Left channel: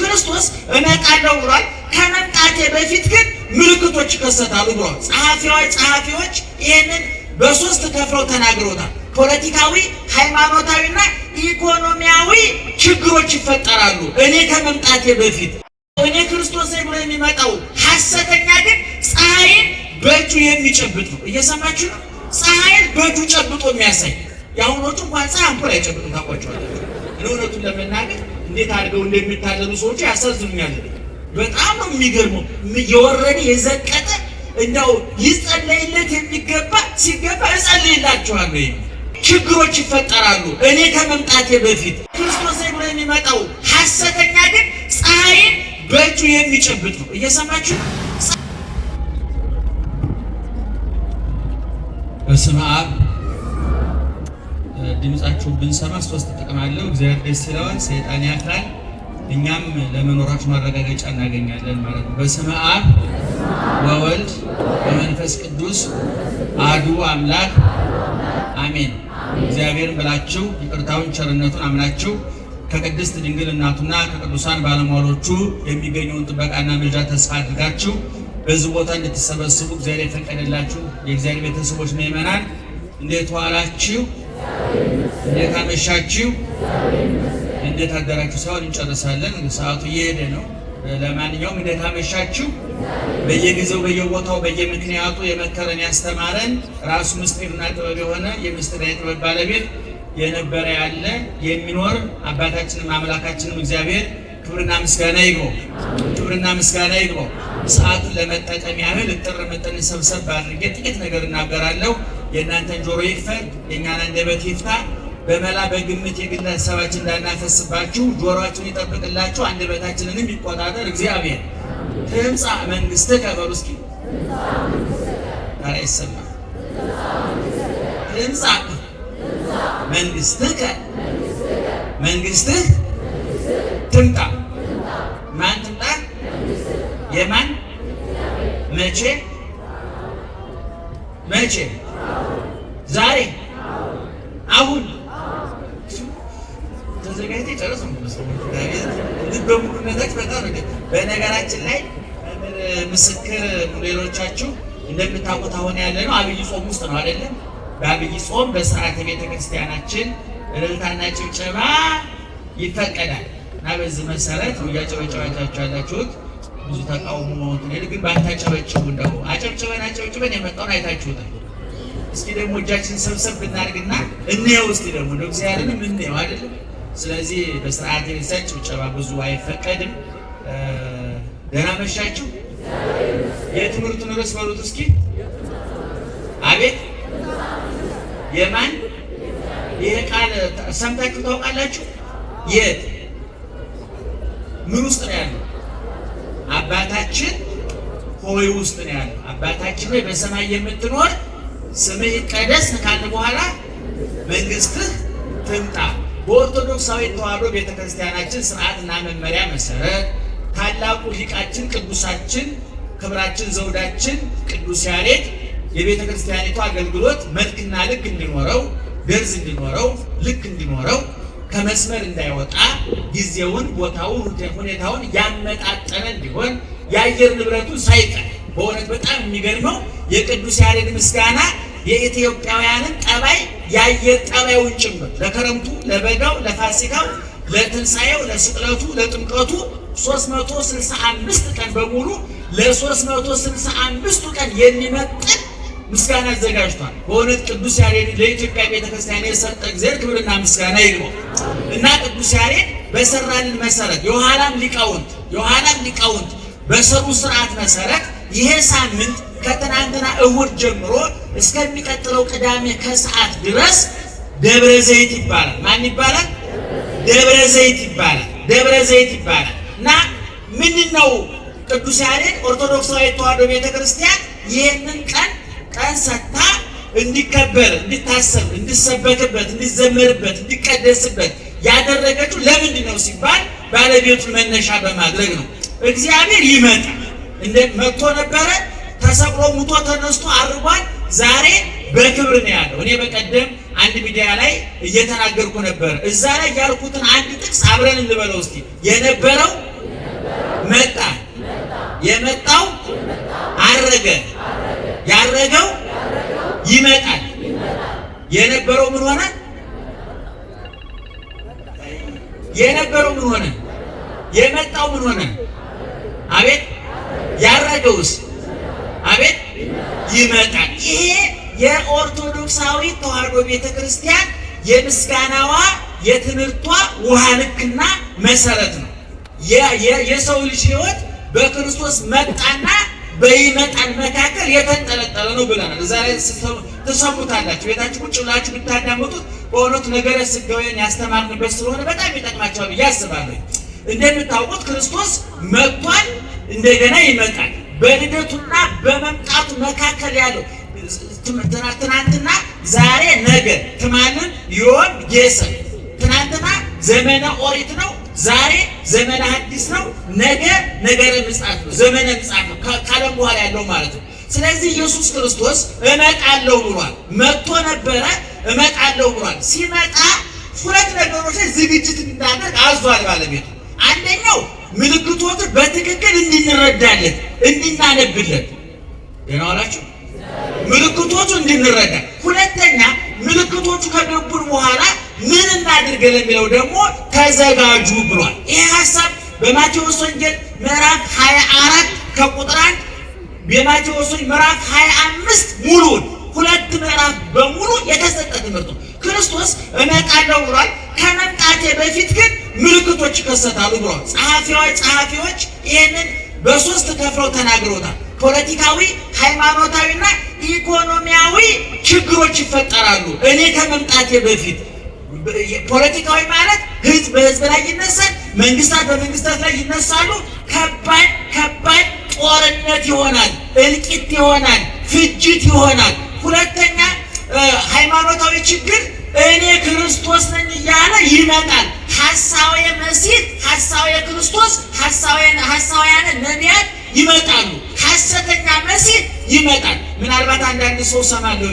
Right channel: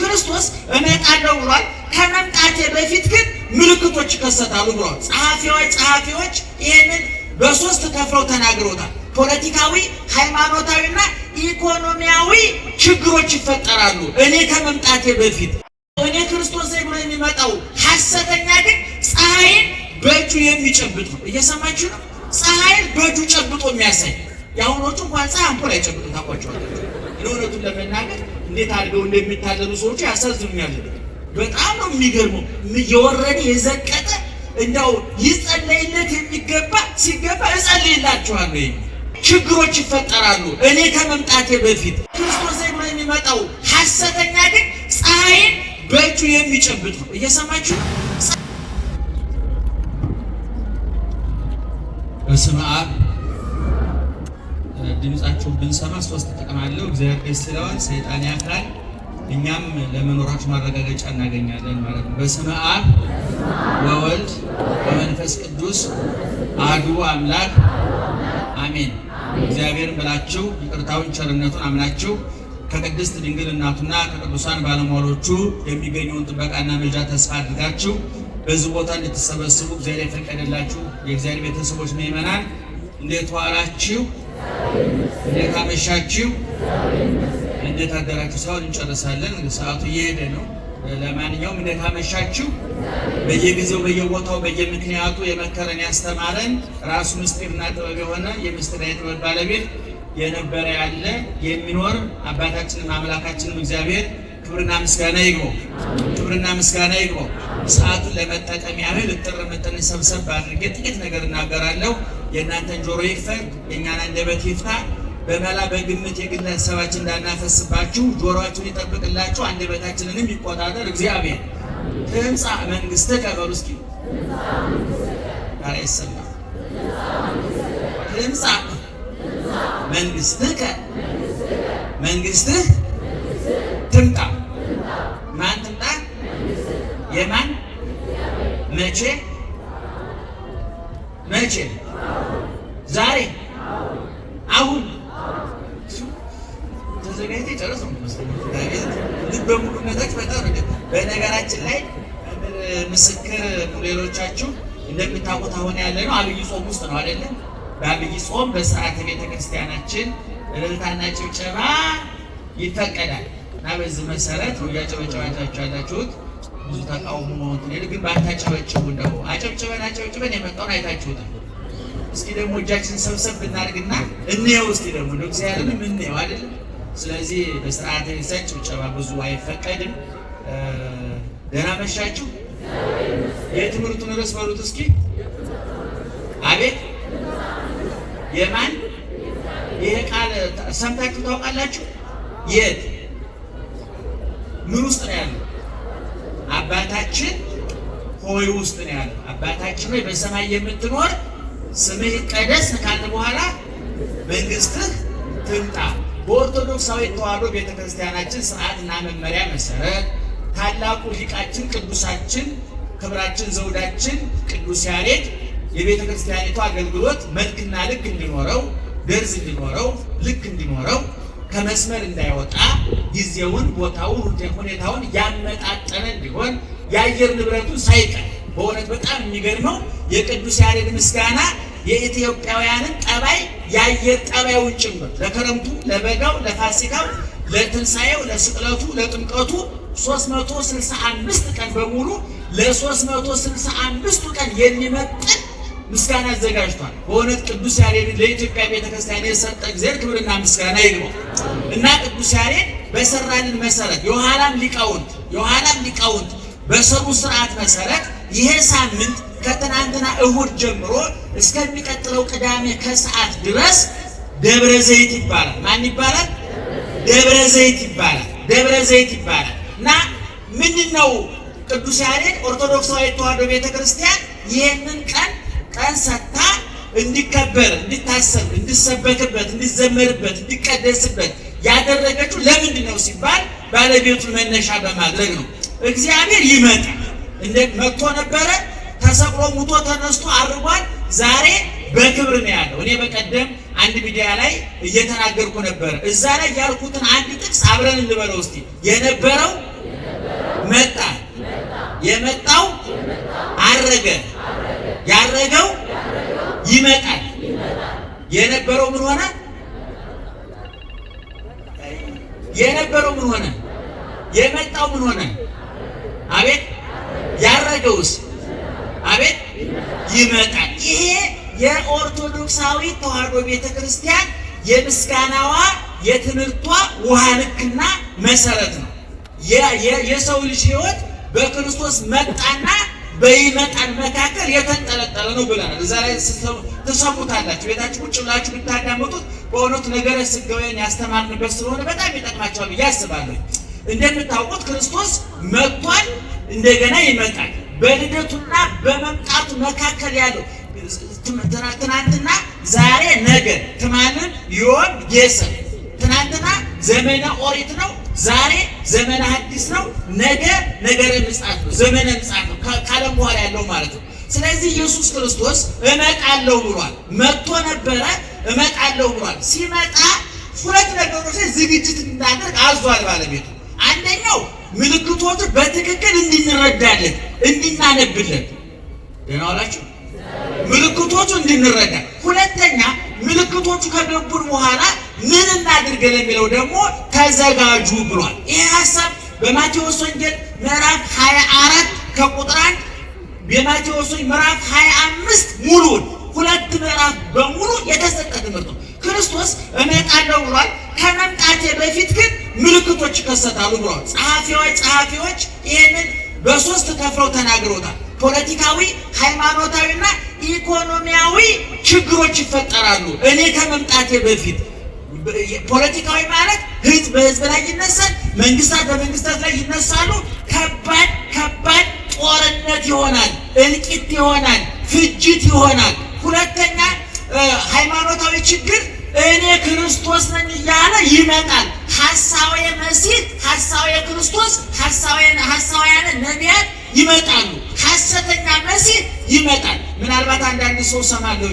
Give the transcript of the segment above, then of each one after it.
ክርስቶስ እመጣለሁ ብሏል። ከመምጣቴ በፊት ግን ምልክቶች ይከሰታሉ ብሏል። ጸሐፊዎች ይህንን በሶስት ከፍለው ተናግረውታል። ፖለቲካዊ፣ ሃይማኖታዊና ኢኮኖሚያዊ ችግሮች ይፈጠራሉ እኔ ከመምጣቴ በፊት። እኔ ክርስቶስ ብሎ የሚመጣው ሐሰተኛ ግን ፀሐይን በእጁ የሚጨብጥ ነው። እየሰማችሁ ነው? ፀሐይን በእጁ ጨብጦ የሚያሳይ። የአሁኖቹ እንኳን ፀሐይ አምፖል አይጨብጡ ታውቋቸዋለህ። እውነቱን ለመናገር እንዴት አድርገው እንደሚታለሉ ሰዎች ያሳዝኑኛል። በጣም ነው የሚገርመው። የወረደ የዘቀጠ እንደው ይጸለይለት የሚገባ ሲገባ እጸልይላችኋለሁ። ችግሮች ይፈጠራሉ እኔ ከመምጣቴ በፊት። ክርስቶስ ብሎ የሚመጣው ሐሰተኛ ግን ፀሐይን በእጁ የሚጨብጥ ነው። እየሰማችሁ በስመ አብ ድምጻችሁን ብንሰማ ሶስት ጥቅም አለው። እግዚአብሔር ደስ ይለዋል፣ ሰይጣን ያፍራል፣ እኛም ለመኖራችሁ ማረጋገጫ እናገኛለን ማለት ነው። በስመ አብ ወወልድ ወመንፈስ ቅዱስ አሐዱ አምላክ አሜን። እግዚአብሔርን ብላችሁ ይቅርታውን ቸርነቱን አምናችሁ ከቅድስት ድንግል እናቱና ከቅዱሳን ባለሟሎቹ የሚገኘውን ጥበቃና ምልጃ ተስፋ አድርጋችሁ በዚህ ቦታ እንድትሰበስቡ እግዚአብሔር የፈቀደላችሁ የእግዚአብሔር ቤተሰቦች ምእመናን እንዴት ዋላችሁ? እንዴት አመሻችሁ? እንዴት አደራችሁ? ሰውን እንጨርሳለን። ሰዓቱ እየሄደ ነው። ለማንኛውም እንዴት አመሻችሁ? በየጊዜው በየቦታው በየምክንያቱ የመከረን ያስተማረን ራሱ ምስጢርና ጥበብ የሆነ የምስጢርና ጥበብ ባለቤት የነበረ ያለ የሚኖር አባታችንም አምላካችንም እግዚአብሔር ክብርና ምስጋና ይግባው። ክብርና ምስጋና ይግባው። ሰዓቱን ለመጠቀም ያህል እጥር ምጥን ሰብሰብ አድርጌ ጥቂት ነገር እናገራለሁ። የእናንተን ጆሮ ይክፈት፣ የእኛን አንደበት ይፍታ። በመላ በግምት የግለሰባችን እንዳናፈስባችሁ ጆሮአችሁን ይጠብቅላችሁ፣ አንደበታችንንም ይቆጣጠር እግዚአብሔር። ትምጻእ መንግሥትከ በሉ እስኪ አይሰማም። ትምጻእ መንግሥትከ መንግሥትህ ትምጣ። ማን ትምጣ? የማን? መቼ? መቼ? ዛሬ? አሁን? ተዘጋጅተህ ጨረሰ በሙሉነታች በጣም በነገራችን ላይ ምስክር ሌሎቻችሁ እንደምታውቁት አሁን ያለ ነው አብይ ጾም ውስጥ ነው አይደለም? በአብይ ጾም በስርዓተ ቤተክርስቲያናችን እልልታና ጭብጨባ ይፈቀዳል እና በዚህ መሰረት እያጨበጨባችሁ ያላችሁት ብዙ ተቃውሞ ነው። ግን ባታጨበጭቡ እንደው አጨብጭበን የመጣውን አይታችሁታል። እስኪ ደግሞ እጃችን ሰብሰብ ብናደርግና እንየው። እስኪ ደግሞ እንደው እግዚአብሔርን እንየው አይደለም? ስለዚህ በስርዓተ ቤተክርስቲያን ጭብጨባ ብዙ አይፈቀድም። ደህና መሻችሁ። የትምህርቱን ርዕስ በሉት እስኪ። አቤት የማን? ይሄ ቃል ሰምታችሁ ታውቃላችሁ? የት ምን ውስጥ ነው ያለው? አባታችን ሆይ ውስጥ ነው ያለው። አባታችን ሆይ በሰማይ የምትኖር ስምህ ይቀደስ ካለ በኋላ መንግስትህ ትምጣ። በኦርቶዶክሳዊ ተዋሕዶ ቤተክርስቲያናችን ስርዓትና መመሪያ መሰረት ታላቁ ሊቃችን ቅዱሳችን ክብራችን ዘውዳችን ቅዱስ ያሬድ የቤተክርስቲያኒቱ አገልግሎት መልክና ልክ እንዲኖረው ደርዝ እንዲኖረው ልክ እንዲኖረው ከመስመር እንዳይወጣ ጊዜውን ቦታውን ሁኔታውን ያመጣጠነ እንዲሆን የአየር ንብረቱን ሳይቀር በእውነት በጣም የሚገርመው የቅዱስ ያሬድ ምስጋና የኢትዮጵያውያንን ጠባይ የአየር ጠባዩን ጭምር ለክረምቱ፣ ለበጋው፣ ለፋሲካው፣ ለትንሣኤው፣ ለስቅለቱ፣ ለጥምቀቱ 365 ቀን በሙሉ ለ365ቱ ቀን የሚመጥን ምስጋና አዘጋጅቷል። በእውነት ቅዱስ ያሬድ ለኢትዮጵያ ቤተክርስቲያን የሰጠ እግዚአብሔር ክብርና ምስጋና ይግባው እና ቅዱስ ያሬድ በሰራልን መሰረት የኋላም ሊቃውንት በሰሩ ስርዓት መሰረት ይሄ ሳምንት ከትናንትና እሁድ ጀምሮ እስከሚቀጥለው ቅዳሜ ከሰዓት ድረስ ደብረ ዘይት ይባላል። ማን ይባላል? ደብረ ዘይት ይባላል እና ምንድነው ቅዱስ ያሬድ ኦርቶዶክሳዊ ተዋሕዶ ቤተክርስቲያን ይህንን ቀን ሰጥታ እንዲከበር፣ እንዲታሰብ፣ እንዲሰበክበት፣ እንዲዘመርበት፣ እንዲቀደስበት ያደረገችው ለምንድን ነው ሲባል ባለቤቱን መነሻ በማድረግ ነው። እግዚአብሔር ይመጣል መጥቶ ነበረ፣ ተሰቅሎ ሙቶ ተነስቶ አርጓል። ዛሬ በክብር ነው ያለው። እኔ በቀደም አንድ ሚዲያ ላይ እየተናገርኩ ነበር። እዛ ላይ ያልኩትን አንድ ጥቅስ አብረን እንበለው እስቲ። የነበረው መጣ፣ የመጣው አረገ፣ ያረገው ይመጣል። የነበረው ምን ሆነ? የነበረው ምን ሆነ? የመጣው ምን ሆነ? አቤት! ያረገውስ? አቤት! ይመጣል። ይሄ የኦርቶዶክሳዊ ተዋሕዶ ቤተክርስቲያን የምስጋናዋ የትምህርቷ ውሃ ልክና መሰረት ነው። የሰው ልጅ ሕይወት በክርስቶስ መጣና በይመጣል መካከል የተንጠለጠለ ነው ብለናል። እዛ ላይ ትሰሙታላችሁ። ቤታችሁ ቁጭ ብላችሁ ብታዳምጡት በእውነቱ ነገረ ሥጋዌን ያስተማርንበት ስለሆነ በጣም ይጠቅማቸዋል ብዬ አስባለሁ። እንደምታውቁት ክርስቶስ መጥቷል፣ እንደገና ይመጣል። በልደቱና በመምጣቱ መካከል ያለው ትናንትና፣ ዛሬ፣ ነገ ትማንም ዮም ጌሰን። ትናንትና ዘመነ ኦሪት ነው፣ ዛሬ ዘመነ ሐዲስ ነው፣ ነገ ነገረ ምጽአት ነው፣ ዘመነ ምጽአት ነው፣ ካለም በኋላ ያለው ማለት ነው። ስለዚህ ኢየሱስ ክርስቶስ እመጣለሁ ብሏል። መጥቶ ነበረ፣ እመጣለሁ ብሏል። ሲመጣ ሁለት ነገሮች ዝግጅት እንድናደርግ አዟል ባለቤቱ። አንደኛው ምልክቶቹ በትክክል እንድንረዳለት፣ እንድናነብለት። ደህና ዋላችሁ። ምልክቶቹ እንድንረዳ። ሁለተኛ ምልክቶቹ ከገቡን በኋላ ምን እናድርግ ለሚለው ደግሞ ተዘጋጁ ብሏል። ይህ ሐሳብ በማቴዎስ ወንጌል ምዕራፍ 24 ከቁጥር 1 የማቴዎስ ወንጌል ምዕራፍ 25 ሙሉን ሁለት ምዕራፍ በሙሉ የተሰጠ ትምህርት ነው። ክርስቶስ እመጣለሁ ብሏል። ከመምጣቴ በፊት ግን ምልክቶች ይከሰታሉ ብሏል። ጸሐፊዎች ይህንን በሶስት ከፍለው ተናግሮታል። ፖለቲካዊ፣ ሃይማኖታዊና ኢኮኖሚያዊ ችግሮች ይፈጠራሉ እኔ ከመምጣቴ በፊት። ፖለቲካዊ ማለት ህዝብ በህዝብ ላይ ይነሳል፣ መንግስታት በመንግስታት ላይ ይነሳሉ። ከባድ ጦርነት ይሆናል፣ እልቂት ይሆናል፣ ፍጅት ይሆናል። ሁለተኛ ሃይማኖታዊ ችግር እኔ ክርስቶስ ነኝ እያለ ይመጣል። ሐሳዌ መሲህ፣ ሐሳዌ ክርስቶስ፣ ሐሳውያን ነቢያት ይመጣሉ። ሐሰተኛ መሲህ ይመጣል። ምናልባት አንዳንድ ሰው ሰማለሁ፣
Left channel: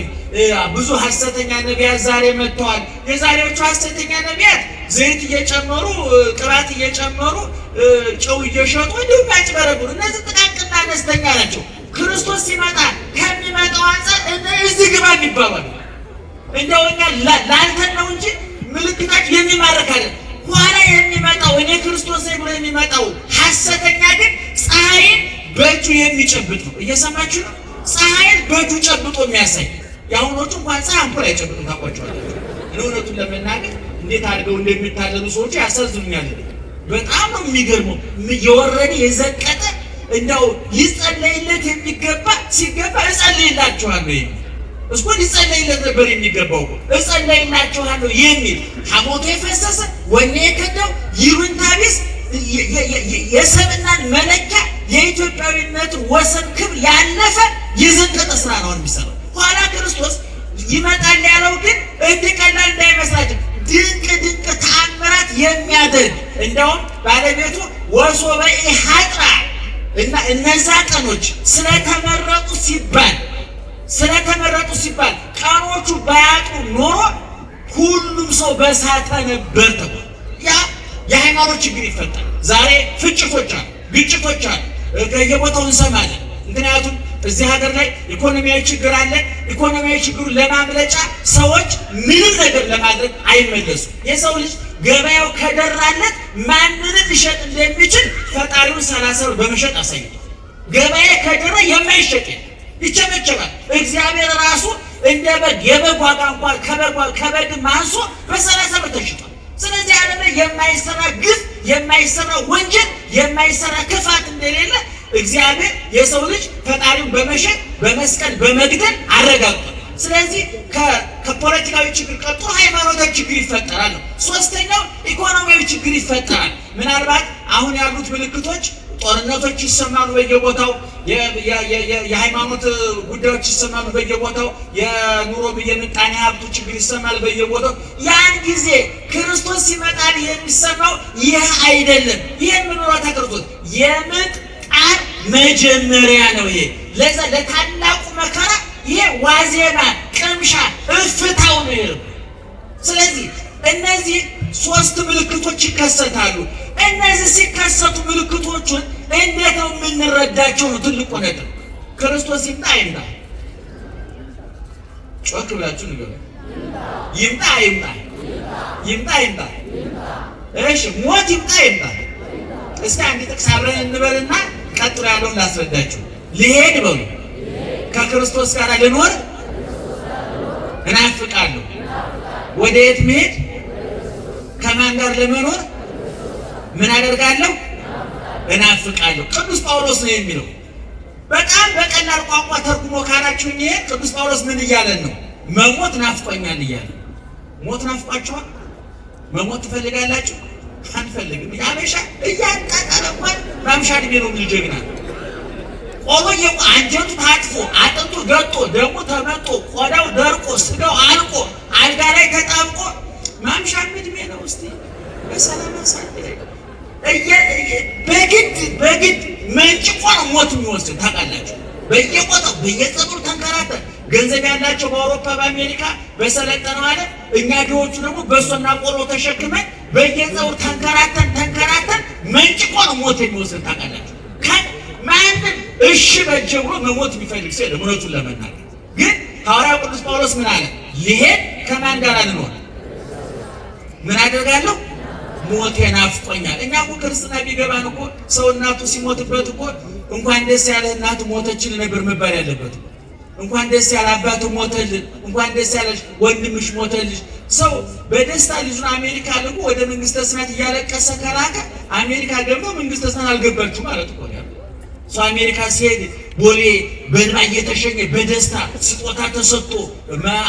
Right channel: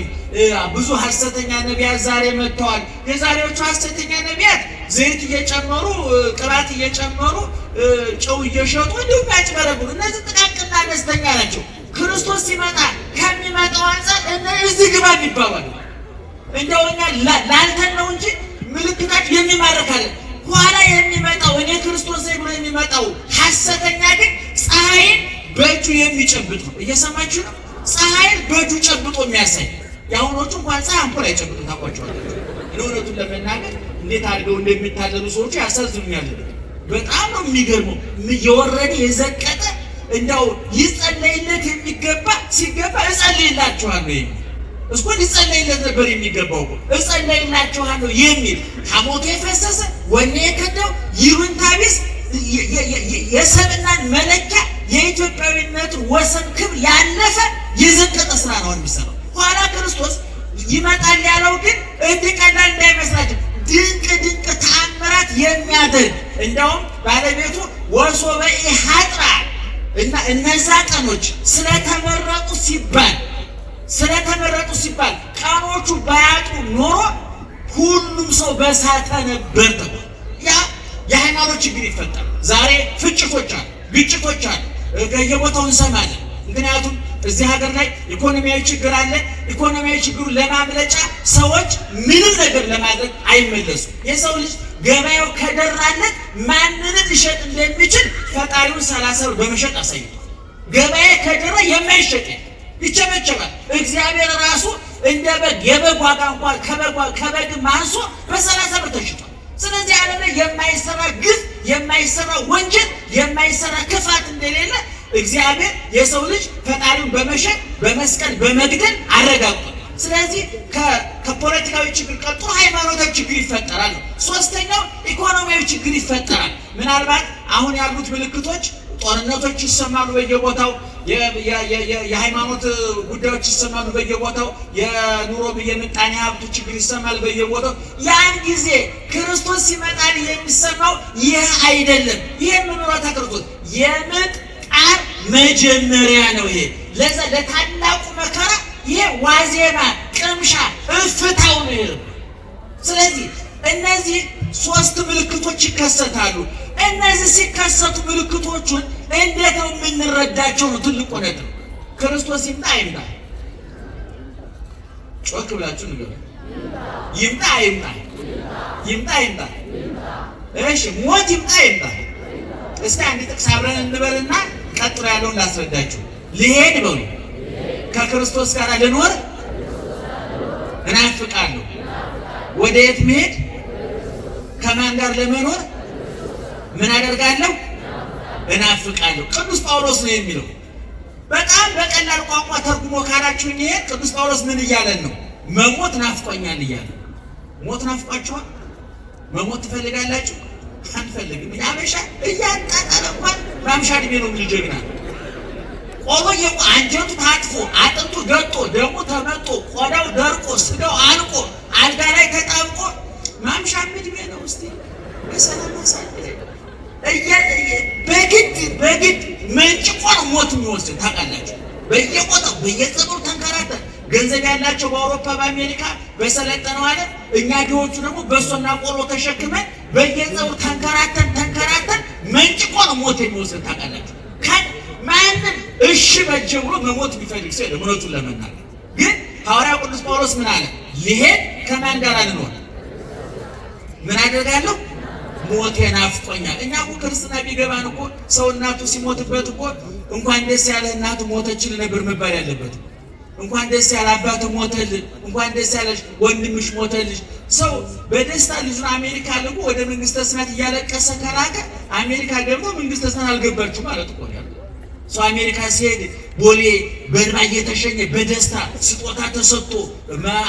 ብዙ ሐሰተኛ ነቢያት ዛሬ መጥተዋል። የዛሬዎቹ ሐሰተኛ ነቢያት ዘይት እየጨመሩ ቅባት እየጨመሩ ጨው እየሸጡ እንዲሁም ያጭበረብሩ። እነዚህ ጥቃቅንና አነስተኛ ናቸው። ክርስቶስ ሲመጣ ከሚመጣው አንፃር እዚህ ግባ ይባላል። እንደው እኛ ላንተን ነው እንጂ ምልክታችሁ የሚማረካለን። ኋላ የሚመጣው እኔ ክርስቶስ ነኝ ብሎ የሚመጣው ሐሰተኛ ግን ፀሐይን በእጁ የሚጨብጥ ነው። እየሰማችሁ ነው? ፀሐይን በእጁ ጨብጦ የሚያሳይ። የአሁኖቹ እንኳን ፀሐይ አምፖል አይጨብጡ ታውቋቸዋላችሁ። እውነቱን ለመናገር እንዴት አድርገው እንደሚታለሉ ሰዎች ያሳዝኑኛል። በጣም ነው የሚገርመው። የወረደ የዘቀጠ እንደው ሊጸለይለት የሚገባ ሲገባ እጸልይላችኋለሁ እስኮ ሊጸለይለት ነበር የሚገባው እኮ እጸለይላችኋለሁ የሚል ሐሞቱ የፈሰሰ ወኔ የከዳው ይሉኝታ ቢስ የሰብናን መለኪያ የኢትዮጵያዊነት ወሰን ክብር ያለፈ የዘቀጠ ስራ ነው የሚሰራው። ኋላ ክርስቶስ ይመጣል ያለው ግን እንዲቀላል እንዳይመስላችሁ ድንቅ ተአምራት የሚያደርግ እንደውም ባለቤቱ ወሶበ ኢሐጥራ እና እነዛ ቀኖች ስለተመረጡ ሲባል ቀኖቹ ባያጡ ኖሮ ሁሉም ሰው በሳተ ነበር። ያ የሃይማኖት ችግር ይፈጠራል። ዛሬ ፍጭቶች አሉ፣ ግጭቶች አሉ፣ ከየቦታው እንሰማለን። ምክንያቱም እዚህ ሀገር ላይ ኢኮኖሚያዊ ችግር አለ። ኢኮኖሚያዊ ችግሩን ለማምለጫ ሰዎች ምንም ነገር ለማድረግ አይመለሱም። የሰው ልጅ ገበያው ከደራለት ማንንም ሊሸጥ እንደሚችል ፈጣሪውን 30 ብር በመሸጥ አሳይቷል። ገበያ ከደራ የማይሸጥ ይቸበቸባል። እግዚአብሔር ራሱ እንደ በግ የበግ ዋጋ እንኳን ከበግ ማንሶ በ30 ብር ተሽጧል። ስለዚህ ዓለም ላይ የማይሰራ ግፍ፣ የማይሰራ ወንጀል፣ የማይሰራ ክፋት እንደሌለ እግዚአብሔር የሰው ልጅ ፈጣሪውን በመሸጥ በመስቀል በመግደል አረጋግጧል። ስለዚህ ከፖለቲካዊ ችግር ቀጥሎ ሃይማኖታዊ ችግር ይፈጠራል። ሶስተኛው ኢኮኖሚያዊ ችግር ይፈጠራል። ምናልባት አሁን ያሉት ምልክቶች ጦርነቶች ይሰማሉ በየቦታው፣ የሃይማኖት ጉዳዮች ይሰማሉ በየቦታው፣ የኑሮ የምጣኔ ሀብቱ ችግር ይሰማል በየቦታው። ያን ጊዜ ክርስቶስ ሲመጣ የሚሰማው ይህ አይደለም። ይህ ምንወታ ክርስቶስ የምጥ ጣር መጀመሪያ ነው። ይሄ ለዛ ለታላቁ መከራ ይሄ ዋዜማ ቅምሻ እፍታው ነው። ስለዚህ እነዚህ ሶስት ምልክቶች ይከሰታሉ። እነዚህ ሲከሰቱ ምልክቶቹን ነው የምንረዳቸው ነው ትልቁ ነገር። ክርስቶስ ይምጣ አይምጣ? ጮክ ብላችሁ ንገሩ። ይምጣ አይምጣ? ይምጣ አይምጣ? እሺ ሞት ይምጣ አይምጣ? እስኪ አንድ ጥቅስ አብረን እንበልና ቀጥሎ ያለውን ላስረዳችሁ። ልሄድ በሉ ከክርስቶስ ጋር ልኖር እናፍቃለሁ። ወደ የት መሄድ? ከማን ጋር ለመኖር ምን አደርጋለሁ? እናፍቃለሁ። ቅዱስ ጳውሎስ ነው የሚለው። በጣም በቀላል ቋንቋ ተርጉሞ ካላችሁ ይሄ ቅዱስ ጳውሎስ ምን እያለን ነው? መሞት ናፍቆኛል እያለ። ሞት ናፍቋችኋል? መሞት ትፈልጋላችሁ? አንፈልግም። ያበሻ እያጣጣለ እንኳን ማምሻ ዕድሜ ነው የሚል ጀግና ቆሎዬ አንጀቱ ታጥፎ አጥንቱ ገጦ ደሙ ተመጦ ቆዳው ደርቆ ስጋው አልቆ አልጋ ላይ ተጣብቆ ማምሻ ዕድሜ ነው። እስቲ በሰላም ያሳልፈን። በግድ መንጭቆ ነው ሞት የሚወስድ ታውቃላችሁ። በየቆጣው በየጸጉር ተንከራተን ገንዘብ ያላቸው በአውሮፓ በአሜሪካ በሰለጠነው ዓለም፣ እኛ ድሆቹ ደግሞ በሶና ቆሎ ተሸክመን በየጸጉር ተንከራተን መንጭቆ ነው ሞት የሚወስድ ታውቃላችሁ። ማንም እሺ በጀ ብሎ መሞት የሚፈልግ ሰው የለም። እውነቱን ለመናገር ግን ሐዋርያው ቅዱስ ጳውሎስ ምን አለ? ልሄድ ከማን ጋር ልኖር ምን አደርጋለሁ? ሞት ናፍቆኛል። እኛ እኮ ክርስትና ቢገባን እኮ ሰው እናቱ ሲሞትበት እኮ እንኳን ደስ ያለ እናቱ ሞተችል ነበር መባል ያለበት። እንኳን ደስ ያለ አባቱ ሞተልህ፣ እንኳን ደስ ያለሽ ወንድምሽ ሞተልሽ። ሰው በደስታ ልጁን አሜሪካ ልኮ ወደ መንግስተ ሰማያት እያለቀሰ ከራቀ አሜሪካ ደግሞ መንግስተ ሰማያት አልገባችም ማለት እኮ ነው። ሰው አሜሪካ ሲሄድ ቦሌ በእንባ እየተሸኘ በደስታ ስጦታ ተሰጥቶ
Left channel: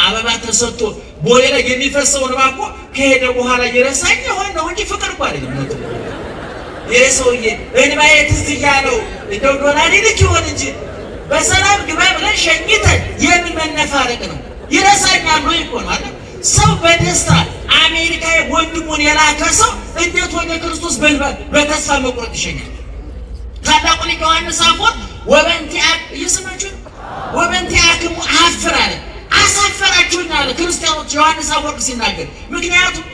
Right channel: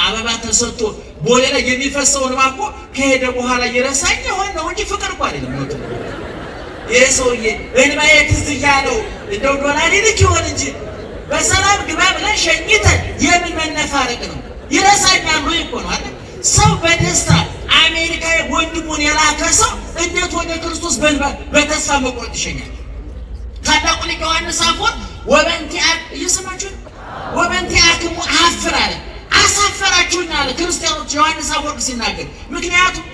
አበባ ተሰጥቶ ቦሌ ላይ የሚፈሰው እንባ እኮ ከሄደ በኋላ እየረሳኝ የሆነ ነው እንጂ ፍቅር እኮ አይደለም። ሞት ይሄ ሰውዬ እንባዬ ትዝ እያለው እንደው ዶላር ይልክ ይሆን እንጂ በሰላም ግባ ብለን ሸኝተን የምን መነፋረቅ ነው? ይረሳኛል ብሎ እኮ ነው አይደል? ሰው በደስታ አሜሪካ ወንድሙን የላከ ሰው እንዴት ወደ ክርስቶስ በተስፋ መቁረጥ ይሸኛል? ታላቁ ሊቅ ዮሐንስ አፈወርቅ ወበእንቲአክሙ አፍር አለ። አሳፈራችሁኝ አለ ክርስቲያኖች ዮሐንስ አፈወርቅ ሲናገር። ምክንያቱም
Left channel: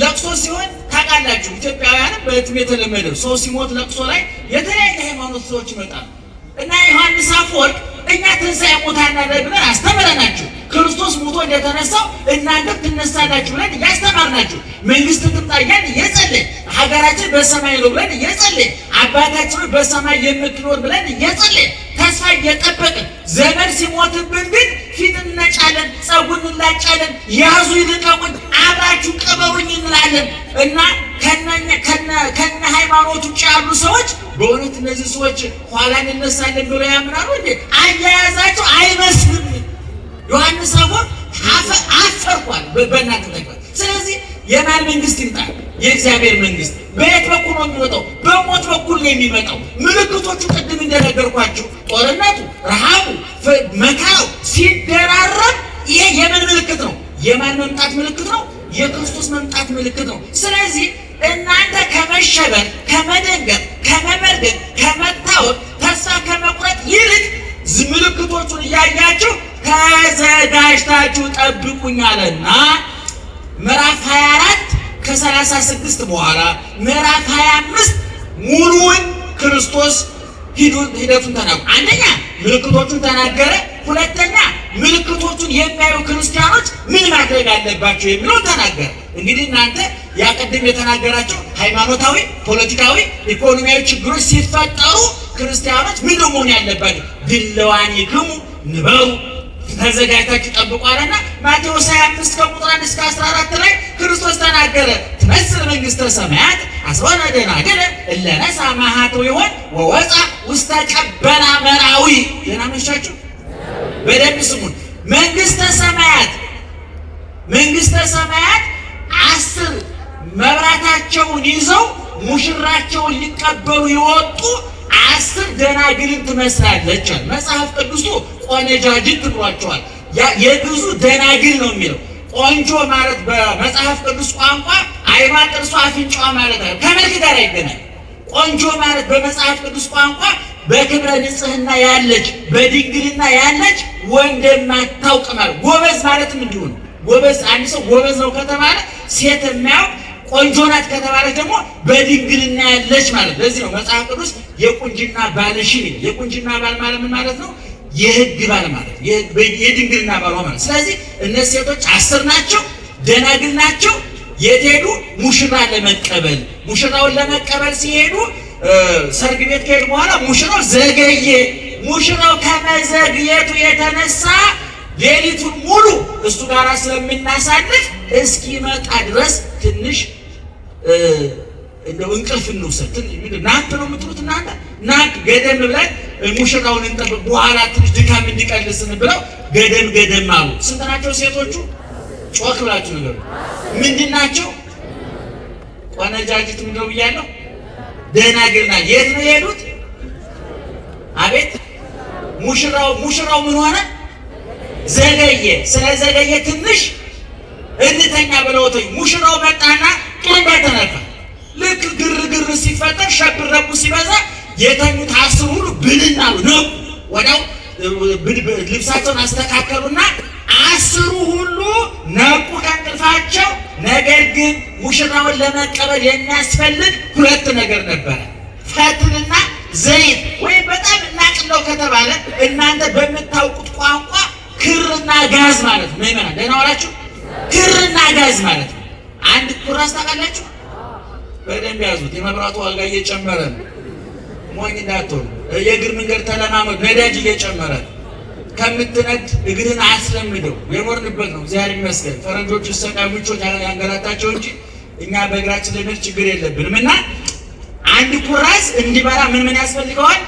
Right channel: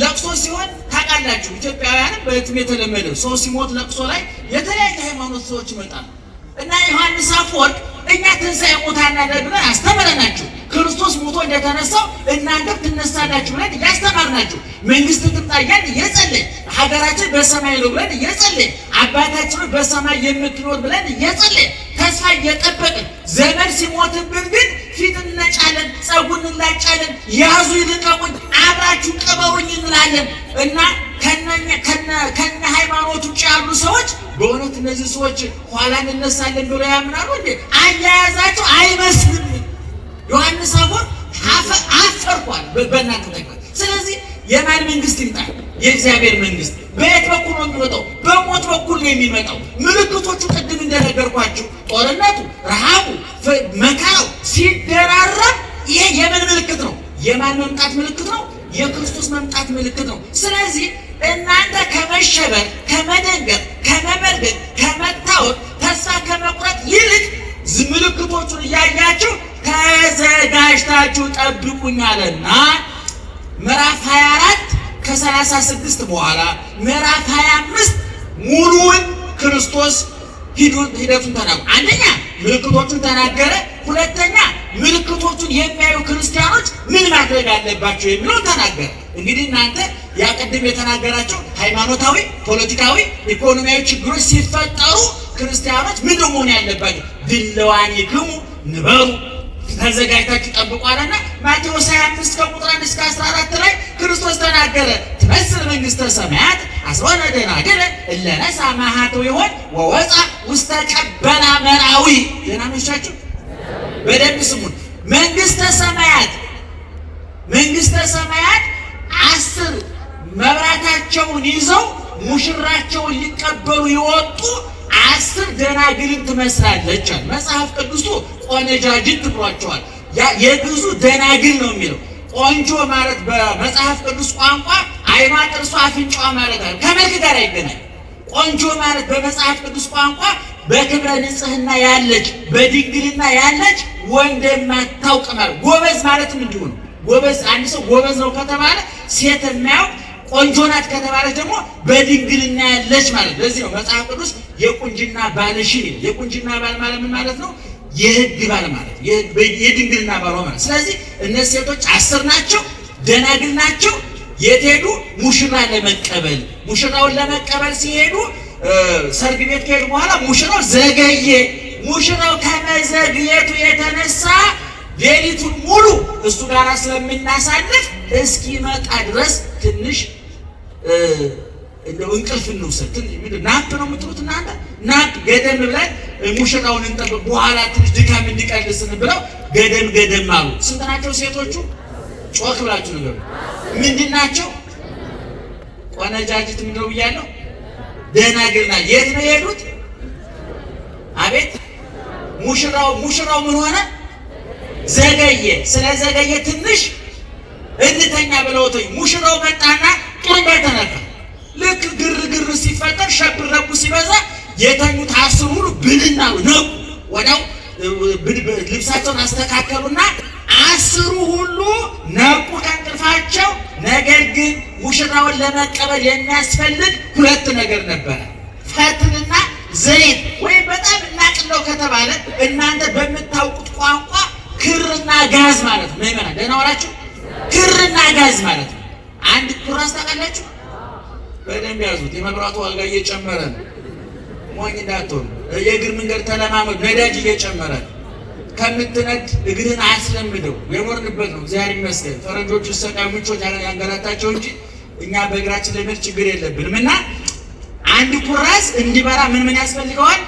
ለቅሶ ሲሆን ታውቃላችሁ፣ ኢትዮጵያውያንም በሕትም የተለመደው ሰው ሲሞት ለቅሶ ላይ የተለያየ ሃይማኖት ሰዎች ይመጣሉ እና ዮሐንስ አፈወርቅ እኛ ትንሣኤ ሙታን አለን ብለን አስተምረናችሁ፣ ክርስቶስ ሞቶ እንደተነሳው እናንተም ትነሳላችሁ ብለን እያስተማርናችሁ፣ መንግስት ትምጣ እያልን እየጸለይን፣ ሀገራችን በሰማይ ነው ብለን እየጸለይን፣ አባታችን በሰማይ የምትኖር ብለን እየጸለይን ተስፋ እየጠበቅን፣ ዘመን ሲሞትብን ግን ፊት እንነጫለን፣ ጸጉር እንላጫለን፣ ያዙ ይልቀቁኝ፣ አብራችሁ ቅበሩኝ እንላለን እና ከነ ሃይማኖት ውጭ ያሉ ሰዎች በእውነት እነዚህ ሰዎች ኋላ እንነሳለን ብለው ያምናሉ እንዴ? አያያዛቸው አይመስልም። ዮሐንስ አፈወርቅ አፈርኳል በእናንተ ተግባር። ስለዚህ የማን መንግስት ይምጣ? የእግዚአብሔር መንግስት። በየት በኩል ነው የሚመጣው? በሞት በኩል ነው የሚመጣው። ምልክቶቹ ቅድም እንደነገርኳችሁ ጦርነቱ፣ ረሃቡ፣ መከራው ሲደራረብ ይሄ የምን ምልክት ነው? የማን መምጣት ምልክት ነው? የክርስቶስ መምጣት ምልክት ነው። ስለዚህ እናንተ ከመሸበር፣ ከመደንገጥ፣ ከመመርገጥ፣ ከመታወቅ፣ ተስፋ ከመቁረጥ ይልቅ ምልክቶቹን እያያችሁ ተዘጋጅታችሁ ጠብቁኝ አለና ምዕራፍ 24 ከ36 በኋላ ምዕራፍ 25 ሙሉውን ክርስቶስ ሂደቱን ተናገረ። አንደኛ ምልክቶቹን ተናገረ። ሁለተኛ ምልክቶቹን የሚያዩ ክርስቲያኖች ምን ማድረግ አለባቸው የሚለውን ተናገረ። እንግዲህ እናንተ ያቀድም የተናገራቸው ሃይማኖታዊ፣ ፖለቲካዊ፣ ኢኮኖሚያዊ ችግሮች ሲፈጠሩ ክርስቲያኖች ምን መሆን ያለባቸው? ድለዋኒክሙ ንበሩ ተዘጋጅታችሁ ጠብቁ አለና ማቴዎስ 25 ከቁጥር 1 እስከ 14 ላይ ክርስቶስ ተናገረ። ትመስል መንግስተ ሰማያት አስወነ ደናግል እለ ነሣ ማኃተው ይሆን ወወፃ ውስተ ቀበና መራዊ። ደህና መሻችሁ፣ በደንብ ስሙን። መንግስተ ሰማያት 10 መብራታቸውን ይዘው ሙሽራቸውን ሊቀበሉ የወጡ 10 ደናግልን ትመስላለች። መጽሐፍ ቅዱሱ ቆነጃጅት ብሏቸዋል። የግዙ ደናግል ነው የሚለው። ቆንጆ ማለት በመጽሐፍ ቅዱስ ቋንቋ አይኗ፣ ጥርሷ፣ አፍንጫዋ ማለት ነው። ከመልክ ጋር አይገናኝ። ቆንጆ ማለት በመጽሐፍ ቅዱስ ቋንቋ በክብረ ንጽህና ያለች፣ በድንግልና ያለች፣ ወንድ የማታውቅ ማለት። ጎበዝ ማለትም እንዲሁ ነው። ጎበዝ አንድ ሰው ጎበዝ ነው ከተባለ ሴት የሚያውቅ ቆንጆ ናት ከተባለች ደግሞ በድንግልና ያለች ማለት። ለዚህ ነው መጽሐፍ ቅዱስ የቁንጅና ባልሽን ይላል። የቁንጅና ባል ማለት ምን ማለት ነው? የሕግ ባል ማለት የድንግልና ባል ማለት። ስለዚህ እነዚህ ሴቶች 10 ናቸው፣ ደናግል ናቸው። የት ሄዱ? ሙሽራ ለመቀበል። ሙሽራውን ለመቀበል ሲሄዱ ሰርግ ቤት ከሄዱ በኋላ ሙሽራው ዘገየ። ሙሽራው ከመዘግየቱ የተነሳ ሌሊቱን ሙሉ እሱ ጋር ስለምናሳልፍ እስኪመጣ ድረስ ትንሽ እንደው እንቅልፍ እንውሰድ። ትንሽ ናት ነው የምትሉት እናንተ? ናት ገደም ብለን ሙሽራውን እንጠብቅ በኋላ ትንሽ ድካም እንዲቀልስን ብለው ገደም አሉ። ስንት ናቸው ሴቶቹ? ጮክ ብላችሁ ንገሩ። ምንድን ናቸው? ቆነጃጅት እንደው ብያለሁ። ደናግል ናቸው። የት ነው የሄዱት? አቤት ሙሽራው ምን ሆነ? ዘገየ። ስለዘገየ ትንሽ እንተኛ ብለውት ሙሽራው መጣና ቅርብ ተነካ። ልክ ግርግር ሲፈጠር ሸብረቡ ሲበዛ የተኙት 10 ሁሉ ብልና ነው። ወዲያው ልብሳቸውን አስተካከሉና 10 ሁሉ ነቁ ከእንቅልፋቸው። ነገር ግን ሙሽራውን ለመቀበል የሚያስፈልግ 2 ነገር ነበረ፣ ፈትልና ዘይት። ወይም በጣም እናቅለው ከተባለ እናንተ በምታውቁት ቋንቋ ክርና ጋዝ ማለት ነው። ምእመናን ደህና ዋላችሁ? ክርና ጋዝ ማለት ነው። አንድ ኩራዝ ታውቃላችሁ? በደንብ ያዙት። የመብራቱ ዋጋ እየጨመረ ነው። ሞኝ እንዳትሆኑ። የእግር መንገድ ተለማመዱ። ነዳጅ እየጨመረ ነው። ከምትነድ እግርን አያስለምደው። የኖርንበት ነው። እግዚአብሔር ይመስገን። ፈረንጆቹ ሰቃይ ምቾት ያንገላታቸው እንጂ እኛ በእግራችን ላይ ችግር የለብንም። እና አንድ ኩራዝ እንዲበራ ምን ያስፈልገዋል?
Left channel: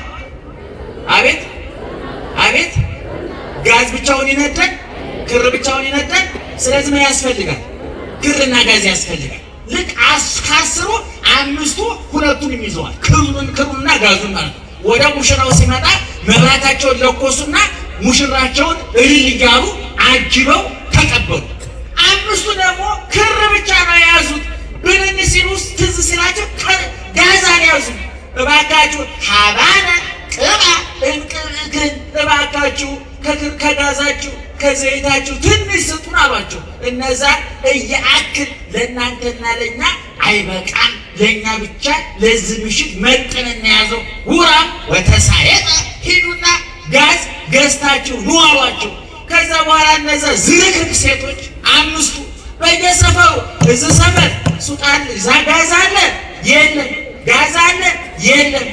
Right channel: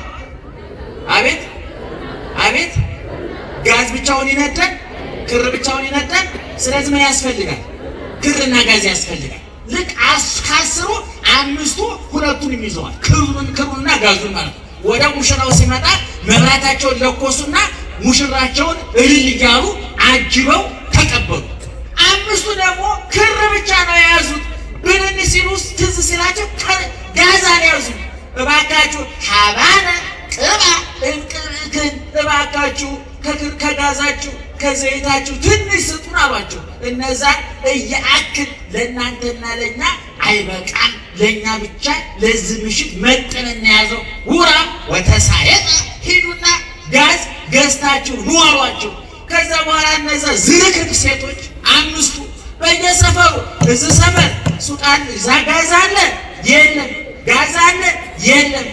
አቤት ጋዝ ብቻውን ይነዳል? ክር ብቻውን ይነዳል? ስለዚህ ምን ያስፈልጋል? ክርና ጋዝ ያስፈልጋል። ልክ ከ10 5ቱ 2ቱን ይዘዋል። ክሩንና ጋዙን ማለት ነው። ወደ ሙሽራው ሲመጣ መብራታቸውን ለኮሱና ሙሽራቸውን እልል እያሉ አጅበው ተቀበሉ። 5ቱ ደግሞ ክር ብቻ ነው የያዙት። ብንን ሲሉ ትዝ ሲላቸው ጋዝ አልያዙም። እባካችሁ ሀባነ ቅባ እንቅብክን፣ እባካችሁ ከጋዛችሁ ከዘይታችሁ ትንሽ ስጡን አሏቸው። እነዛ እየአክል ለእናንተና ለእኛ አይበቃም፣ ለእኛ ብቻ ለዚህ ምሽት መጠን እናያዘው። ውራ ወተሳየጠ፣ ሂዱና ጋዝ ገዝታችሁ ኑ አሏቸው። ከዛ በኋላ እነዛ ዝርክርክ ሴቶች 5ቱ በየሰፈሩ እዚህ ሰፈር ሱቃን እዛ ጋዝ አለ የለም፣ ጋዝ አለ የለም።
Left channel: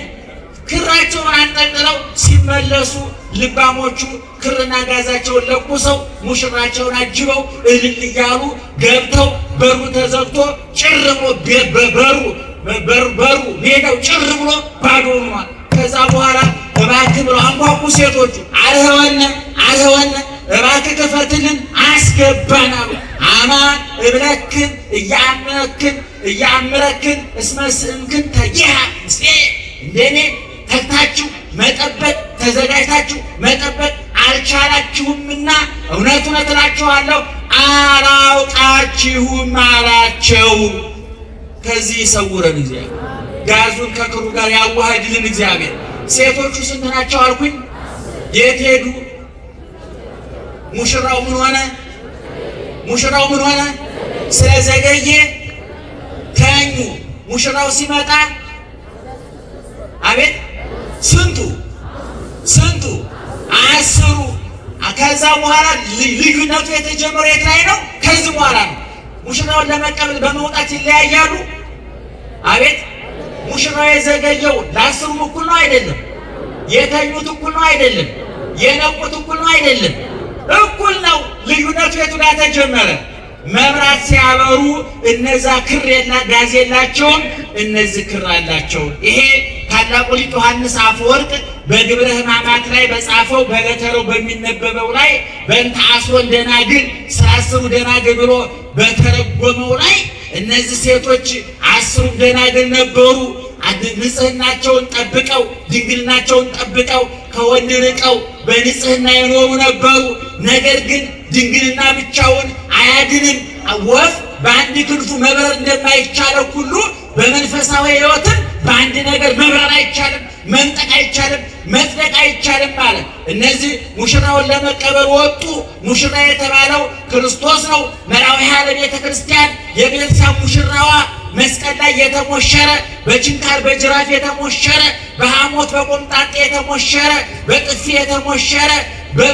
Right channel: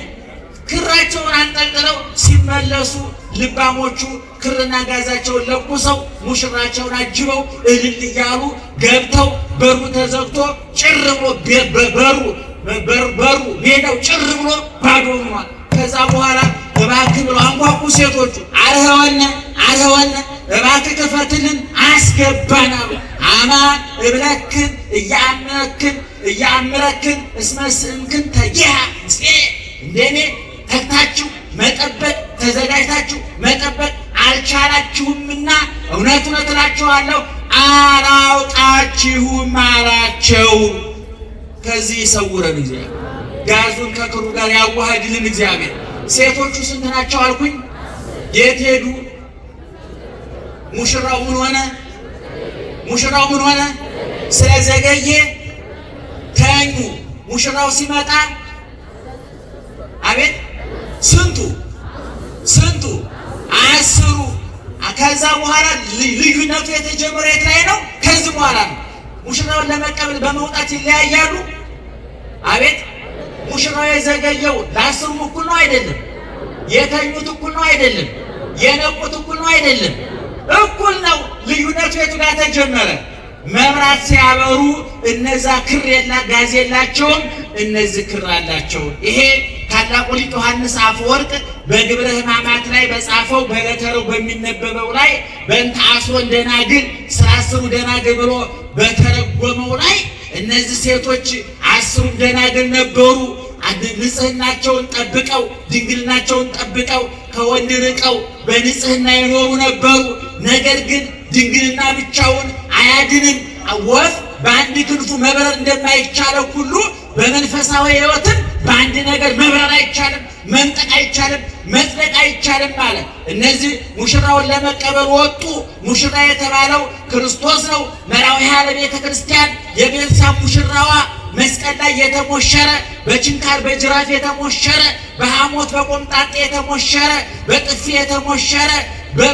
ክራቸውን አንጠልጥለው ሲመለሱ ልባሞቹ ክርና ጋዛቸውን ለኩሰው ሙሽራቸውን አጅበው እልል እያሉ ገብተው በሩ ተዘግቶ ጭር ብሎ በሩ ሜዳው ጭር ብሎ ባዶ ሆኗል። ከዛ በኋላ እባክህ ብለው አንኳኩ ሴቶቹ። አልኸወነ እባክህ ክፈትልን አስገባን አሉ። አማን እብለክን እያምረክን እስመስእምክን ተጊሃ እንደኔ ተግታችሁ መጠበቅ ተዘጋጅታችሁ መጠበቅ አልቻላችሁምና እውነት እላችኋለሁ አላውቃችሁም አላቸው። ከዚህ ይሰውረን እግዚአብሔር። ጋዙን ከክሩ ጋር ያዋህድልን እግዚአብሔር። ሴቶቹ ስንት ናቸው አልኩኝ? የት ሄዱ? ሙሽራው ምን ሆነ? ስለዘገየ ተኙ። ሙሽራው ሲመጣ አቤት ስንቱ 10። ከዛ በኋላ ልዩነቱ የተጀመረ የት ላይ ነው? ከዚህ በኋላ ነው። ሙሽራውን ለመቀበል በመውጣት ይለያያሉ። አቤት ሙሽራው የዘገየው ለ10ም እኩል ነው አይደለም? የተኙት እኩል ነው አይደለም? የነቁት እኩል ነው አይደለም? እኩል ነው። ልዩነቱ የቱ ጋር ተጀመረ? መብራት ሲያበሩ እነዛ ክር ጋዝ የላቸውም፣ እነዚህ ክር አላቸው። ይሄ ታላቁ ሊቅ ዮሐንስ አፈወርቅ በግብረ ሕማማት ላይ በጻፈው በለተሩ በሚነበበው ላይ በእንተ 10 ደናግል ስለ 10 ደናግል ብሎ በተረጎመው ላይ እነዚህ ሴቶች 10 ደናግል ነበሩ። ንጽህናቸውን ጠብቀው ድንግልናቸውን ጠብቀው ከወንድ ርቀው በንጽህና የኖሩ ነበሩ። ነገር ግን ድንግልና ብቻውን አያድንም። ወፍ በአንድ ክንፉ መብረር እንደማይቻለው ሁሉ በመንፈሳዊ ሕይወትም በአንድ ነገር መብረር አይቻልም፣ መንጠቅ አይቻልም፣ መጽደቅ አይቻልም ማለት። እነዚህ ሙሽራውን ለመቀበል ወጡ። ሙሽራ የተባለው ክርስቶስ ነው። መራዊሃ ለቤተ ክርስቲያን የቤተሰብ ሙሽራዋ መስቀል ላይ የተሞሸረ በችንካር በጅራፍ የተሞሸረ በሐሞት በቆምጣጤ የተሞሸረ በጥፊ የተሞሸረ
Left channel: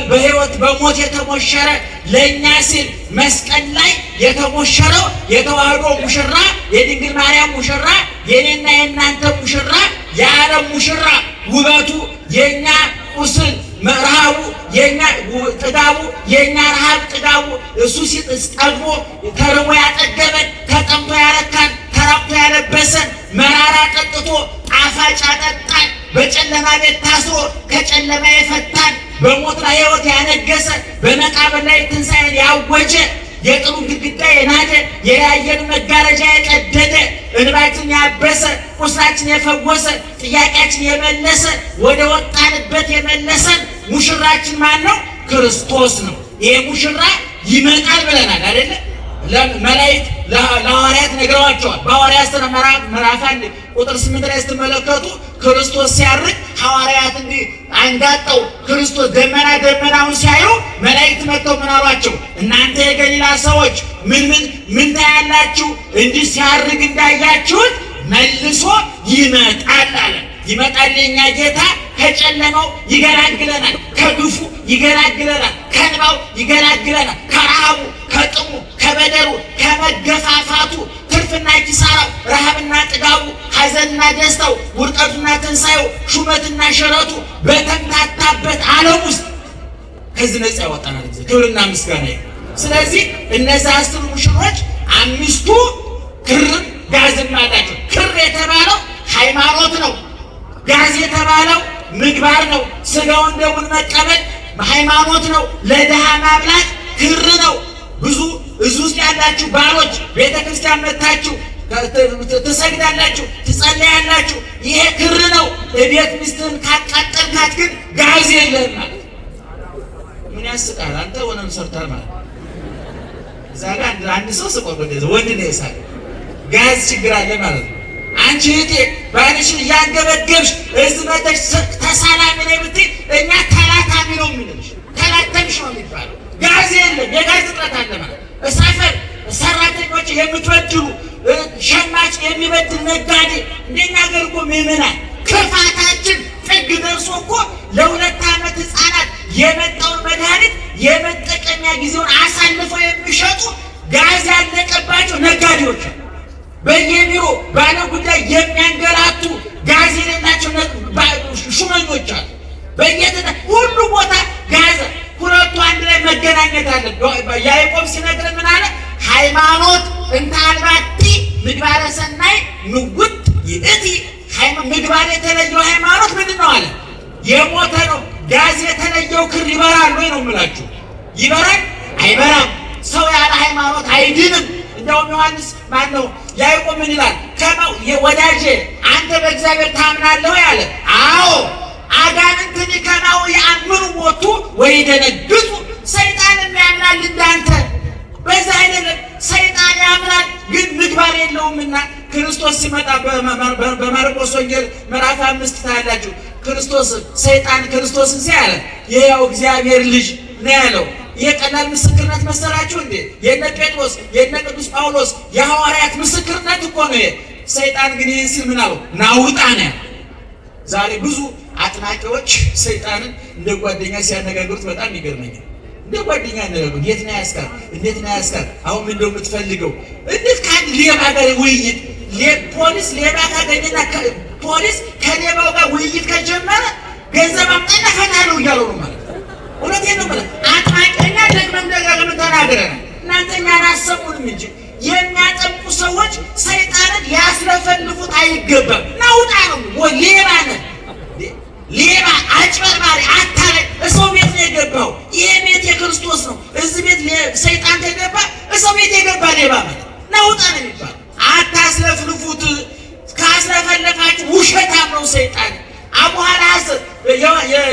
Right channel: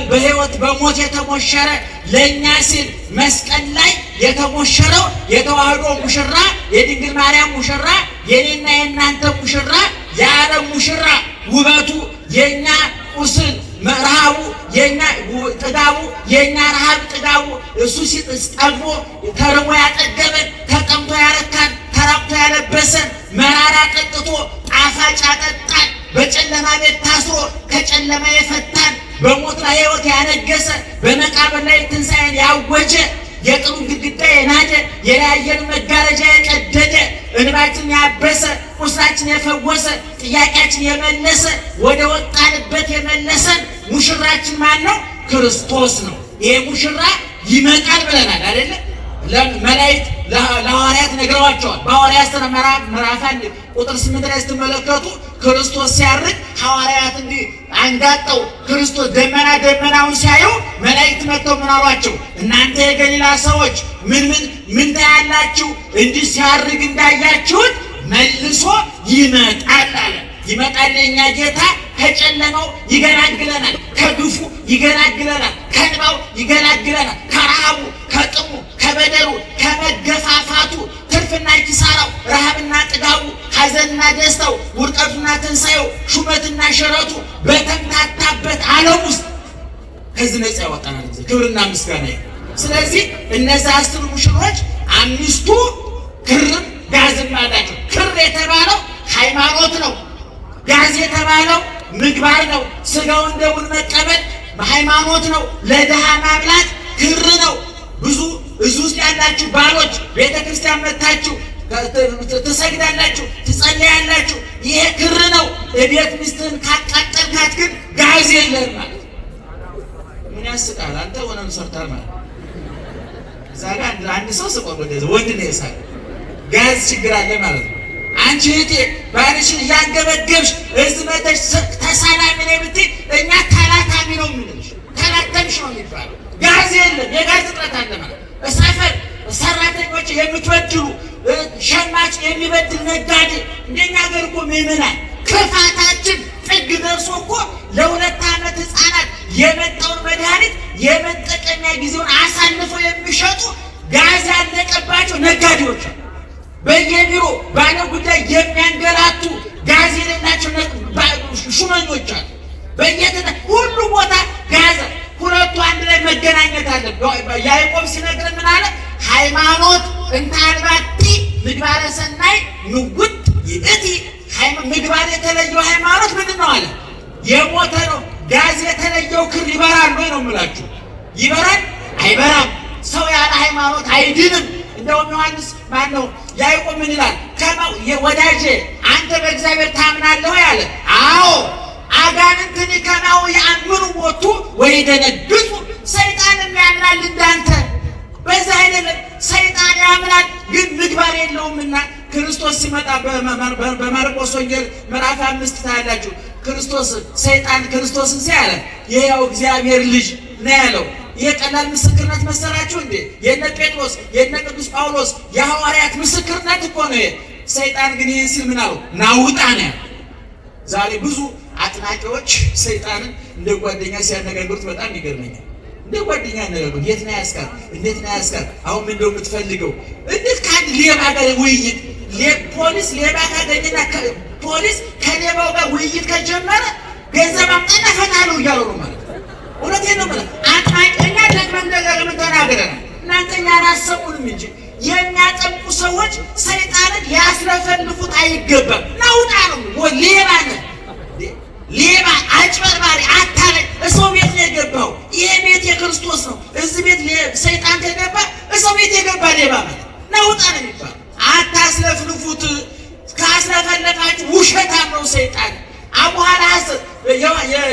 በሕይወት በሞት የተሞሸረ ለእኛ ሲል መስቀል ላይ የተሞሸረው የተዋህዶ ሙሽራ የድንግል ማርያም ሙሽራ የኔና የእናንተ ሙሽራ የዓለም ሙሽራ ውበቱ የኛ ቁስል ረሃቡ የኛ ጥጋቡ የኛ ረሃብ ጥጋቡ እሱ ሲጠግቦ ተርቦ ያጠገበን ተጠምቶ ያረካን ተራብቶ ያለበሰን መራራ ጠጥቶ ጣፋጭ ያጠጣን በጨለማ ቤት ታስሮ ከጨለማ የፈታን በሞት ላይ ሕይወት ያነገሰ በመቃብር ላይ ትንሣኤን ያወጀ የጥሉ ግድግዳ የናደ የለያየን መጋረጃ የቀደደ እንባችን ያበሰ ቁስላችን የፈወሰ ጥያቄያችን የመለሰ ወደ ወጣንበት የመለሰን ሙሽራችን ማን ነው? ክርስቶስ ነው። ይሄ ሙሽራ ይመጣል ብለናል አይደለ? መላእክት ለሐዋርያት ነግረዋቸዋል። በሐዋርያት ሥራ ምዕራፍ 1 ቁጥር 8 ላይ ስትመለከቱ ክርስቶስ ሲያርግ ሐዋርያት እንዲህ አንጋጠው ክርስቶስ ደመናውን ሲያዩ መላእክት መጥተው ምን አሏቸው? እናንተ የገሊላ ሰዎች ምን ታያላችሁ? እንዲህ ሲያርግ እንዳያችሁት መልሶ ይመጣል አለ። ይመጣል የኛ ጌታ ከጨለማው ይገላግለናል፣ ከግፉ ይገላግለናል፣ ከእንባው ይገላግለናል፣ ከረሃቡ ከጥሙ ከበደሩ ከመገፋፋቱ ትርፍና ኪሳራው ረሃብና ጥጋቡ ሐዘንና ደስታው ውድቀቱና ትንሣኤው ሹመትና ሽረቱ በተምታታበት ዓለም ውስጥ ከዚህ ነፃ ያወጣናል። ክብርና ምስጋና። ስለዚህ እነዚህ 10 ሙሽሮች 5ቱ ክርም ጋዝም አላቸው። ክር የተባለው ሃይማኖት ነው። ጋዝ የተባለው ምግባር ነው። ስጋውን ደሙን መቀበል ሃይማኖት ነው። ለድሃ ማብላት ክር ነው። ብዙ እዚህ ውስጥ ያላችሁ ባሎች ቤተ ክርስቲያን መጥታችሁ ትሰግዳላችሁ፣ ትጸለያላችሁ። ይሄ ክር ነው። እቤት ሚስትህን ካቃጠልካት ግን ጋዝ የለህም ማለት ምን ያስቃል? አንተ ሆነም ሰርተህ ማለት እዛ ጋር አንድ ሰው ስቆም ወንድ ነው የሳቅ ጋዝ ችግር አለ ማለት ነው። አንቺ እህቴ ባልሽን እያንገበገብሽ እዚህ መተሽ ተሳላሚ ነኝ ብትይ እኛ ተላታሚ ነው የምንልሽ። ተላተምሽ ነው የሚባለው። ጋዝ የለም፣ የጋዝ እጥረት አለ ማለት ሰፈር ሰራተኞች የምትወድሉ ሸማች የሚበድል ነጋዴ እንደኛ ሀገር እኮ ምዕመናን ክፋታችን ጥግ ደርሶ እኮ ለ2 ዓመት ሕፃናት የመጣውን መድኃኒት የመጠቀሚያ ጊዜውን አሳልፈው የሚሸጡ ጋዝ ያለቀባቸው ነጋዴዎች በየቢሮ ባለ ጉዳይ የሚያንገላቱ ጋዝ የሌላቸው ሹመኞች አሉ። ሁሉ ቦታ ጋዝ። ሁለቱ አንድ ላይ መገናኘት አለ። ያዕቆብ ሲነግር ምን አለ? ሃይማኖት እንተ አልባቲ ምግባረ ሰናይ ንውጥ ይእቲ። ምግባር የተለየው ሃይማኖት ምንድን ነው አለ? የሞተ ነው። ጋዝ የተለየው ክር ይበራል ወይ ነው የምላችሁ? ይበራል? አይበራም። ሰው ያለ ሃይማኖት አይድንም። እንደውም ዮሐንስ ማነው ያዕቆብ ምን ይላል? ወዳጄ አንተ በእግዚአብሔር ታምናለህ ያለ? አዎ። አጋንንትን ከማው ያምኑ ሞቱ ወይ ደነግጡ። ሰይጣንም ያምናል እንዳንተ። በዛ አይደለም ሰይጣን ያምናል ግን ምግባር የለውምና ክርስቶስ ሲመጣ በማርቆስ ወንጌል ምዕራፍ 5 ታያላችሁ። ሰይጣን ክርስቶስን ሲያለ የሕያው እግዚአብሔር ልጅ ነው ያለው። ይሄ ቀላል ምስክርነት መሰላችሁ እንዴ? የነ ጴጥሮስ የነ ቅዱስ ጳውሎስ የሐዋርያት ምስክርነት እኮ ነው። ሰይጣን ግን ይህን ሲል ምን አለው? ናውጣ ነው። ዛሬ ብዙ አጥናቂዎች ሰይጣንን እንደ ጓደኛ ሲያነጋግሩት በጣም ይገርመኛል። እንደ ጓደኛ ያነጋግሩት። የት ነው ያስካል? እንዴት ነው ያስካል? አሁን ምን እንደው የምትፈልገው? እንዴት ከአንድ ሌባ ጋር ውይይት ፖሊስ ሌባ ካገኘና ፖሊስ ከሌባው ጋር ውይይት ከጀመረ ገንዘብ አምጣና ፈታለሁ እያሉ ነው ማለት ነው። እውነቴን ነው ማለት አጥናቂና ደግመን ደጋግመን ተናግረናል። እናንተ እኛን አሰሙንም እንጂ የሚያጠምቁ ሰዎች ሰይጣንን ሊያስለፈልፉት አይገባም። ናውጣ ነው ወይ ሌባ ነው። ሌባ አጭበርባሪ አታላይ እሰው ቤት ነው የገባው። ይሄ ቤት የክርስቶስ ነው። እዚህ ቤት ሰይጣን ከገባ እሰው ቤት የገባ ሌባ ማለት ናውጣ ነው የሚባለው። አታስለፍልፉት። ካስለፈለፋችሁ ውሸታም ነው ሰይጣን። አቡሃ ለሐሰት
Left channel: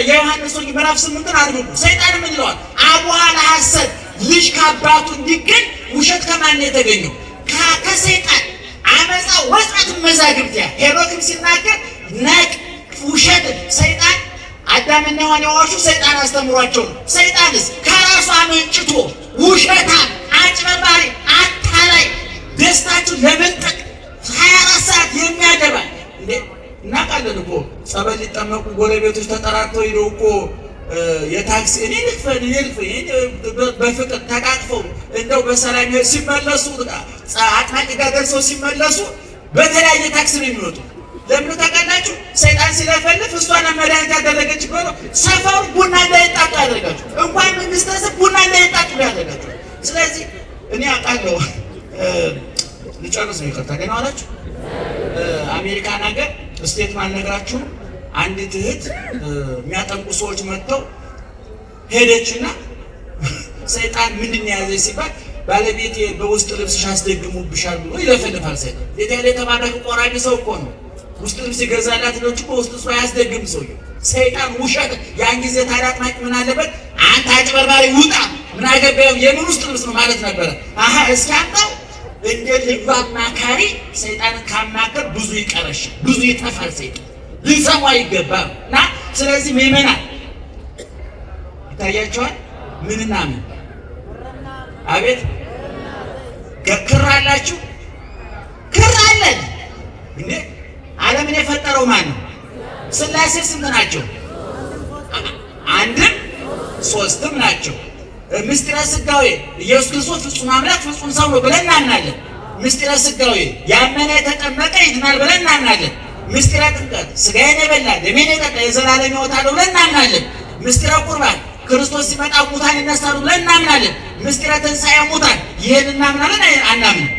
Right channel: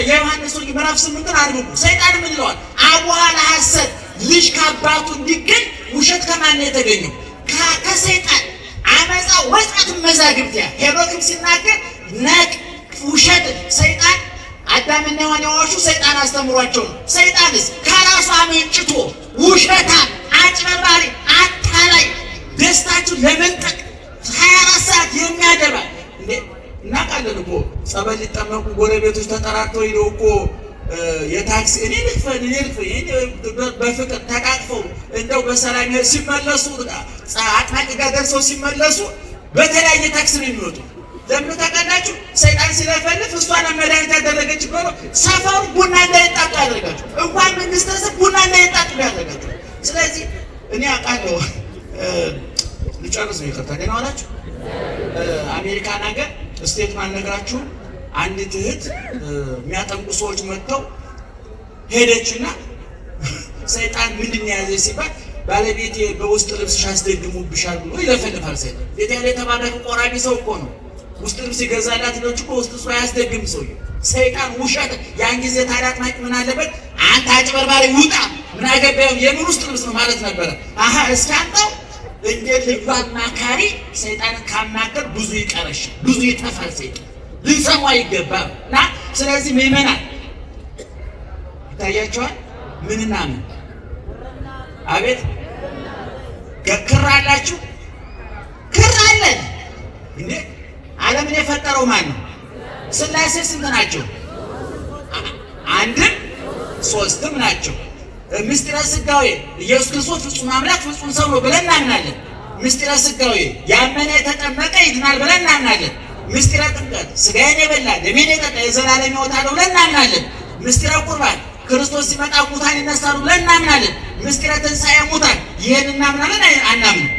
የዮሐንስ ወንጌል ምዕራፍ 8 አድርጉ። ሰይጣን ምን ይለዋል? አቡሃ ለሐሰት ልጅ ከአባቱ እንዲገኝ ውሸት ከማን ነው የተገኘው? ከሰይጣን። አመፃ ወጣት መዛግብት ሄሮድም ሲናገር ነቅ ውሸት ሰይጣን አዳምና ሔዋን የዋሹ ሰይጣን አስተምሯቸው ነው። ሰይጣንስ ከራሱ አመንጭቶ ውሸታም፣ አጭበርባሪ፣ አታላይ ደስታችሁ ለመንጠቅ 24 ሰዓት የሚያደባ እንዴ እናውቃለን እኮ ጸበል ሊጠመቁ ጎረቤቶች ተጠራርተው ሄደው እኮ የታክሲ እኔ ልክፈል በፍቅር ተቃቅፈው እንደው በሰላም ሲመለሱ አጥማቂ ጋር ደርሰው ሲመለሱ በተለያየ ታክሲ ነው የሚወጡ። ለምን ተቀዳችሁ? ሰይጣን ሲለፈልፍ እሷን መድኃኒት ያደረገች ብሎ ሰፈሩ ቡና እንዳይጣጡ ያደርጋችሁ። እንኳን መንግስት ቡና እንዳይጣጡ ያደርጋችሁ። ስለዚህ እኔ አውቃለሁ ልጨርስ ነው ይቀርታ ገና አላችሁ። አሜሪካን ሀገር ስቴት ማልነግራችሁ አንዲት እህት የሚያጠምቁ ሰዎች መጥተው ሄደችና ሰይጣን ምንድን ያዘ ሲባል ባለቤቴ በውስጥ ልብስሽ አስደግሙብሻል ብሎ ይለፈልፋል። ሰይጣን ቤቴ የተባረከ ቆራቢ ሰው እኮ ነው። ውስጥ ልብስ ይገዛላት ነው እኮ ውስጥ ሰው ያስደግም ሰው ሰይጣን ውሸት። ያን ጊዜ ታዲያ አጥማቂ ምን አለበት? አንተ አጭበርባሪ ውጣ፣ ምን አገባው የምን ውስጥ ልብስ ነው ማለት ነበረ። አሃ እስካንተው እንደ ልዩ አማካሪ ሰይጣንን ካማከር ብዙ ይቀረሻል፣ ብዙ ይጠፋል። ሰይጣን ልንሰማ ይገባል። እና ስለዚህ ምእመናን ይታያቸዋል። ምንና ምን አቤት ክር አላችሁ? ክር አለን እንዴ? ዓለምን የፈጠረው ማን ነው? ሥላሴ ስንት ናቸው? አንድም ሶስትም ናቸው። ምስጢረ ሥጋዌ ኢየሱስ ክርስቶስ ፍጹም አምላክ ፍጹም ሰው ነው ብለን እናምናለን። ምስጢረ ሥጋዌ ያመነ የተጠመቀ ይድናል ብለን እናምናለን። ምስጢረ ጥምቀት ሥጋዬን የበላ ደሜን የጠጣ የዘላለም ሕይወት አለው ብለን እናምናለን። ምስጢረ ቁርባን ክርስቶስ ሲመጣ ሙታን ይነሳሉ ብለን እናምናለን። ምስጢረ ትንሣኤ ሙታን ይሄን እናምናለን አናምንም?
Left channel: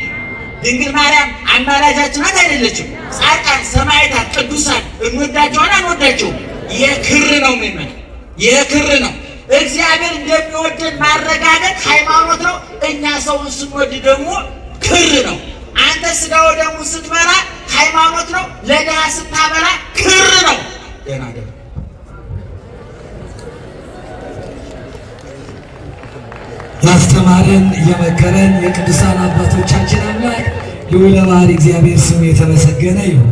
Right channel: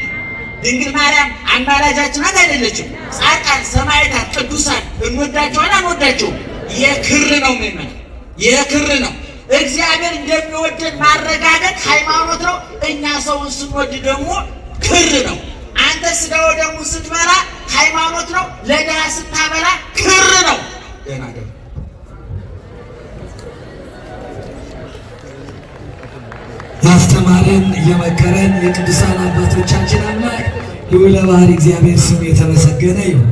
ድንግል ማርያም አማላጃችን ናት አይደለችም? ጻድቃን ሰማዕታት ቅዱሳን እንወዳቸዋለን አንወዳቸውም? የክር ነው ምን የክር ነው። እግዚአብሔር እንደሚወደን ማረጋገጥ ሃይማኖት ነው። እኛ ሰውን ስንወድ ደግሞ ክር ነው። አንተ ሥጋ ወደሙን ስትበላ ሃይማኖት ነው። ለድሃ ስታበላ ክር ነው። ደህና ደህና ያስተማረን የመከረን የቅዱሳን አባቶቻችን አምላክ ልዑለ ባሕርይ እግዚአብሔር ስሙ የተመሰገነ ይሁን።